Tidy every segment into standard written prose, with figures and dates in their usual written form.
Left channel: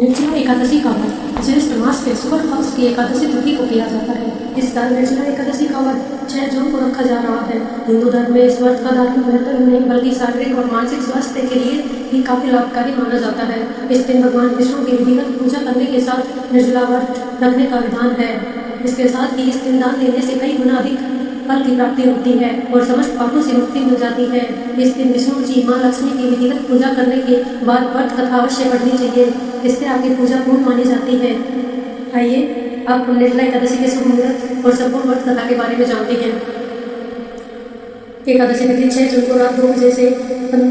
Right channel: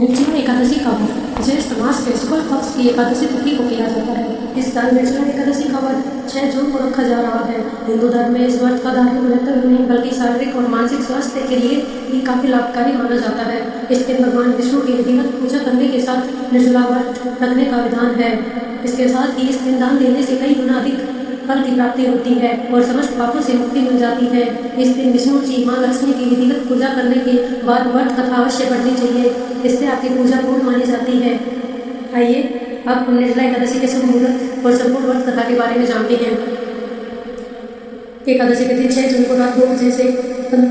निर्जला एकादशी का व्रत ज्येष्ठ मास के शुक्ल पक्ष की एकादशी तिथि को किया जाता है। इस साल निर्जला एकादशी का व्रत 6 जून को रखा जा रहा है। हिंदू धर्म में इस व्रत का धार्मिक महत्व ही नहीं बल्कि शारीरिक और मानसिक स्वास्थ्य के लिए भी काफी लाभकारी माना जाता है। इस दिन भगवान विष्णु की विधिवत पूजा करने के साथ निर्जला व्रत रखने का विधान है। इसके साथ ही इस दिन दान देने से कई गुना अधिक फल की प्राप्ति होती है और समस्त पापों से मुक्ति मिल जाती है। इस दिन विष्णु जी माँ लक्ष्मी की विधिवत पूजा करने के बाद व्रत कथा अवश्य पढ़नी चाहिए। इससे आपकी पूजा पूर्ण मानी जाती है। आइए अब हम निर्जला एकादशी के शुभ मुहूर्त और संपूर्ण व्रत कथा के बारे में जानते हैं। एकादशी तिथि 6 जून को रात 2 बजे से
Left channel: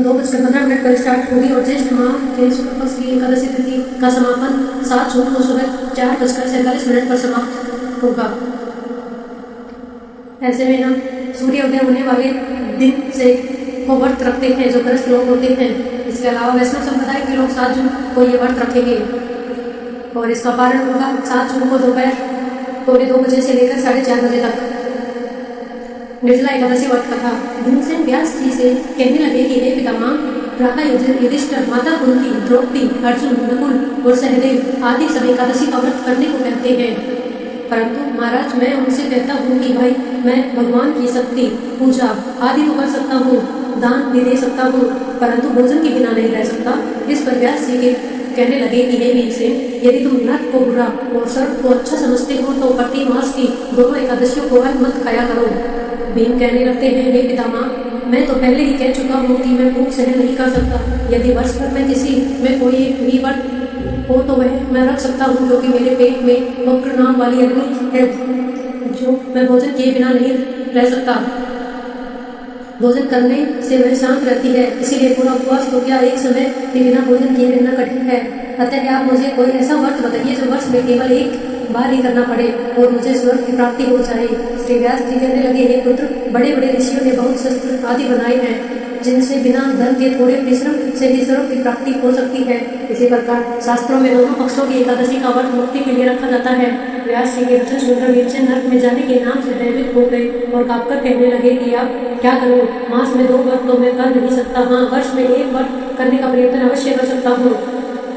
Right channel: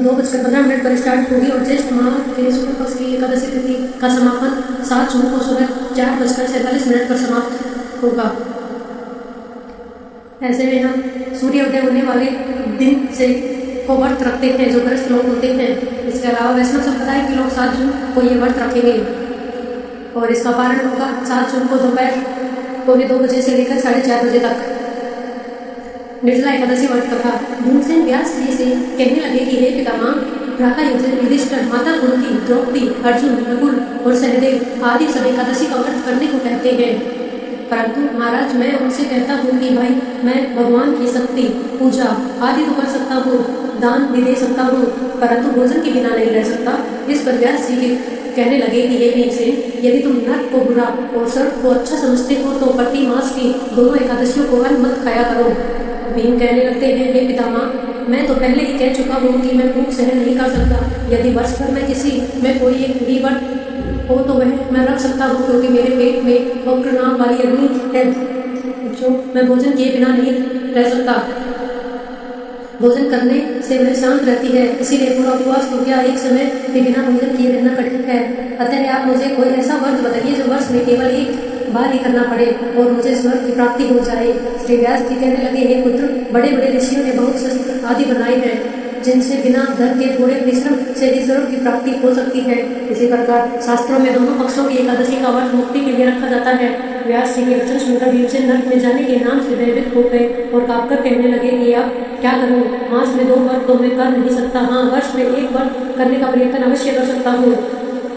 2:15 पर स्टार्ट होगी और ज्येष्ठ माह के शुक्ल पक्ष की एकादशी तिथि का समापन 7 जून को सुबह 4:47 पर समाप्त होगा। ऐसे में हम सूर्योदय होने वाले दिन से को व्रत रखते हैं जो ग्रस्त लोग होते हैं। इसके अलावा वैष्णव संप्रदाय के लोग 7 जून को ये व्रत रखेंगे और इसका पारण होगा 7 जून को दोपहर 2:45 बजे से लेकर 4:30 बजे तक। निर्जला एकादशी व्रत कथा। भीमसेन व्यास जी से कहने लगे कि हे पितामह, भ्राता युधिष्ठिर, माता कुंती, द्रौपदी, अर्जुन, नकुल और सहदेव आदि सब एकादशी का व्रत करने को कहते हैं, परंतु महाराज मैं उनसे कहता हूँ कि भाई मैं भगवान की शक्ति पूजा आदि तो कर सकता हूँ, दान भी दे सकता हूँ, परंतु भोजन के बिना नहीं रह सकता। इस पर व्यास जी के कहने लगे कि हे भीमसेन, यदि तुम नर्क को बुरा और स्वर्ग को अच्छा समझते हो तो प्रति मास की दोनों एकादशियों को अन्न मत खाया करो। भीम कहने लगते हैं, हे पितामह, मैं तो पहले ही कह चुका हूँ कि मैं भूख सहन नहीं कर सकता। यदि वर्ष भर में किसी में कोई एक भी व्रत हो तो वह मैं रख सकता हूँ, क्योंकि मेरे पेट में वक्र नाम वाली अग्नि है जो मैं भोजन किए बिना नहीं रह सकता। भोजन करने से वह शांत रहती है, इसीलिए पूरा उपवास तो क्या एक समय भी बिना भोजन किए रहना कठिन है। अतः आप मुझे कोई ऐसा व्रत बताइए जो वर्ष में केवल एक बार ही करना पड़े और मुझे स्वर्ग की प्राप्ति हो जाए। श्री व्यास जी कहने लगे, हे पुत्र, बड़े बड़े ऋषियों ने बहुत शस्त्र आदि बनाए हैं जिनसे बिना धन के थोड़े परिश्रम से ही स्वर्ग की प्राप्ति हो सकती है। इसी प्रकार शास्त्रों में दोनों पक्षों की एकादशी का व्रत मुक्ति के लिए रखा जाता है। व्यास जी के वचन सुनकर भीमसेन नरक में जाने के नाम से भयभीत हो गए और कांपकर कहने लगे कि अब क्या करूं? मास में 2 व्रत तो मैं कर नहीं सकता, हाँ वर्ष में 1 व्रत करने का प्रयत्न अवश्य कर सकता हूँ।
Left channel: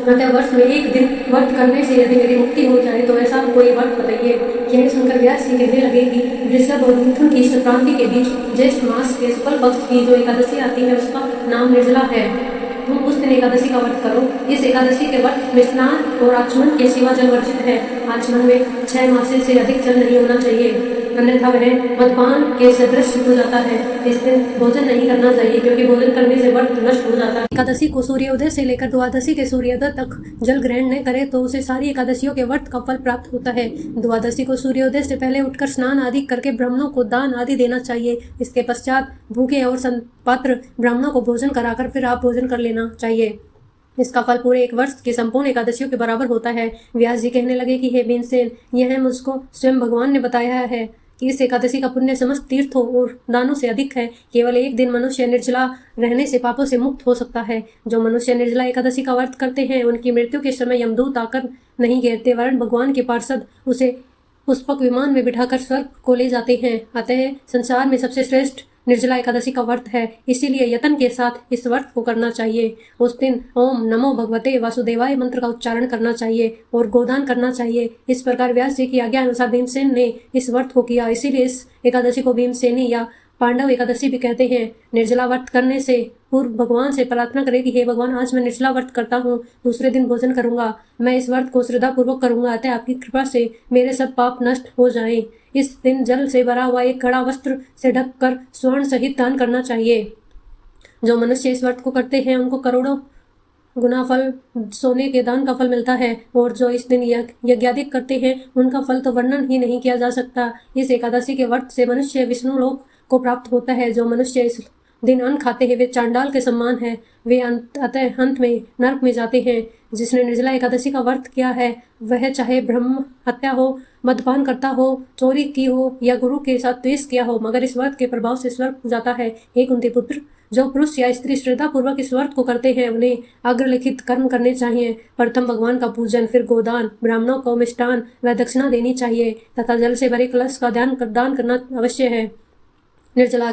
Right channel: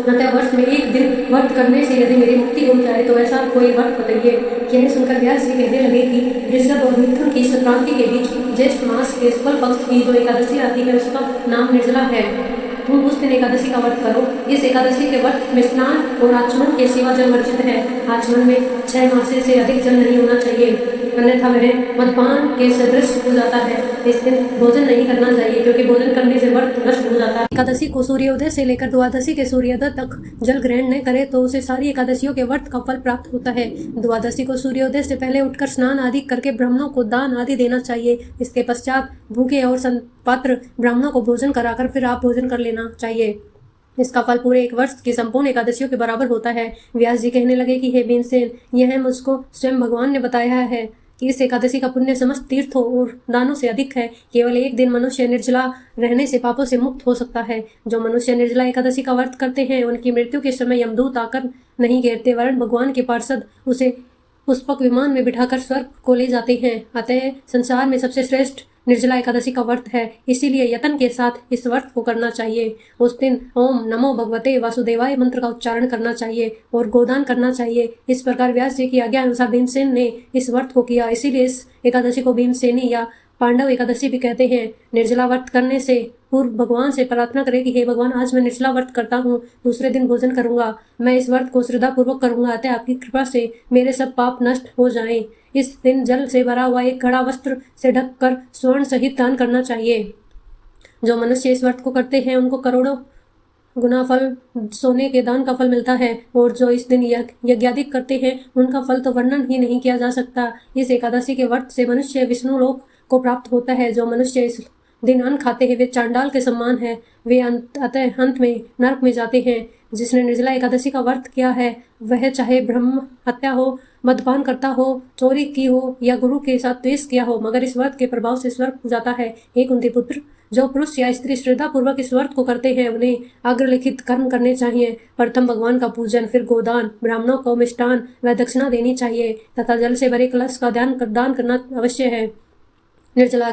अतः वर्ष में 1 दिन व्रत करने से यदि मेरी मुक्ति हो जाए तो ऐसा कोई व्रत बताइए। यह सुनकर व्यास जी कहने लगे कि वृषभ और मिथुन की संक्रांति के बीच ज्येष्ठ मास के शुक्ल पक्ष की जो एकादशी आती है उसका नाम निर्जला है। तुम उस दिन एकादशी का व्रत करो। इस एकादशी के व्रत में स्नान और आचमन के सिवा जल वर्जित है। आचमन में 6 मासे से अधिक जल नहीं होना चाहिए, अन्यथा वह मदपान के सदृश हो जाता है। इस दिन भोजन नहीं करना चाहिए क्योंकि भोजन करने से व्रत नष्ट हो जाता है। एकादशी को सूर्योदय से लेकर द्वादशी के सूर्योदय तक जल ग्रहण न करे तो उसे सारी एकादशियों के व्रत का फल प्राप्त होता है। द्वादशी को सूर्योदय से पहले उठकर स्नान आदि करके ब्राह्मणों को दान आदि देना चाहिए। इसके पश्चात भूखे और संपात्र ब्राह्मणों को भोजन कराकर फिर आप भोजन कर लेना चाहिए। इसका फल पूरे 1 वर्ष की संपूर्ण एकादशियों के बराबर होता है। व्यास जी कहने लगे कि हे भीमसेन, यह मुझको स्वयं भगवान ने बताया है कि इस एकादशी का पुण्य समस्त तीर्थों और दानों से अधिक है। केवल 1 दिन मनुष्य निर्जला रहने से पापों से मुक्त हो सकता है। जो मनुष्य निर्जला एकादशी का व्रत करते हैं उनकी मृत्यु के समय यमदूत आकर नहीं घेरते, वरन भगवान के पार्षद उसे पुष्पक विमान में बिठाकर स्वर्ग को ले जाते हैं। अतः संसार में सबसे श्रेष्ठ निर्जला एकादशी का व्रत है, इसीलिए यत्न के साथ इस व्रत को करना चाहिए। उस दिन ओम नमो भगवते वासुदेवाय मंत्र का उच्चारण करना चाहिए और गोदान करना चाहिए। इस प्रकार व्यास जी की आज्ञा अनुसार भीमसेन ने इस व्रत को किया, इसीलिए इस एकादशी को भीमसेनी या पांडव एकादशी भी कहते हैं। निर्जला व्रत करने से पूर्व भगवान से प्रार्थना करें कि हे भगवान, आज मैं निर्जला व्रत करता हूँ, दूसरे दिन भोजन करूंगा। मैं इस व्रत को श्रद्धा पूर्वक करूंगा, अतः आपकी कृपा से मेरे सब पाप नष्ट हो जाएं। इस दिन जल से भरा हुआ एक घड़ा वस्त्र से ढककर स्वर्ण सहित दान करना चाहिए। जो मनुष्य इस व्रत को करते हैं उनको करोड़ों गुना फल सोने के दान का फल मिलता है, और जो इस दिन यज्ञादि करते हैं उनका फल तो वर्णन ही नहीं किया जा सकता। इस एकादशी के व्रत से मनुष्य विष्णु लोक को प्राप्त होता है। जो मनुष्य इस दिन अन्न खाते हैं वे चांडाल के समान है, वे अतः अंत में नरक में जाते हैं। जिसने निर्जला एकादशी का व्रत किया है वह चाहे ब्रह्म हत्या हो, मद्यपान करता हो, चोरी की हो या गुरु के साथ द्वेष किया हो, मगर इस व्रत के प्रभाव से स्वर्ग हो जाता है। हे कुंती पुत्र, जो पुरुष या स्त्री श्रद्धा पूर्वक इस व्रत को करते हैं उन्हें अग्रलिखित कर्म करने चाहिए। प्रथम भगवान का पूजन, फिर गोदान, ब्राह्मणों को मिष्टान व दक्षिणा देनी चाहिए तथा जल से भरे कलश का दान करना अवश्य है। निर्जला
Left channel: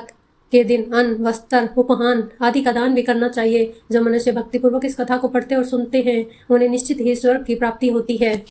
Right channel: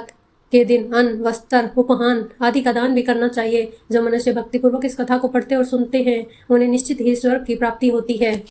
के दिन अन्न, वस्त्र, उपहान आदि का दान भी करना चाहिए। जो मनुष्य भक्तिपूर्वक इस कथा को पढ़ते और सुनते हैं उन्हें निश्चित ही स्वर्ग की प्राप्ति होती है।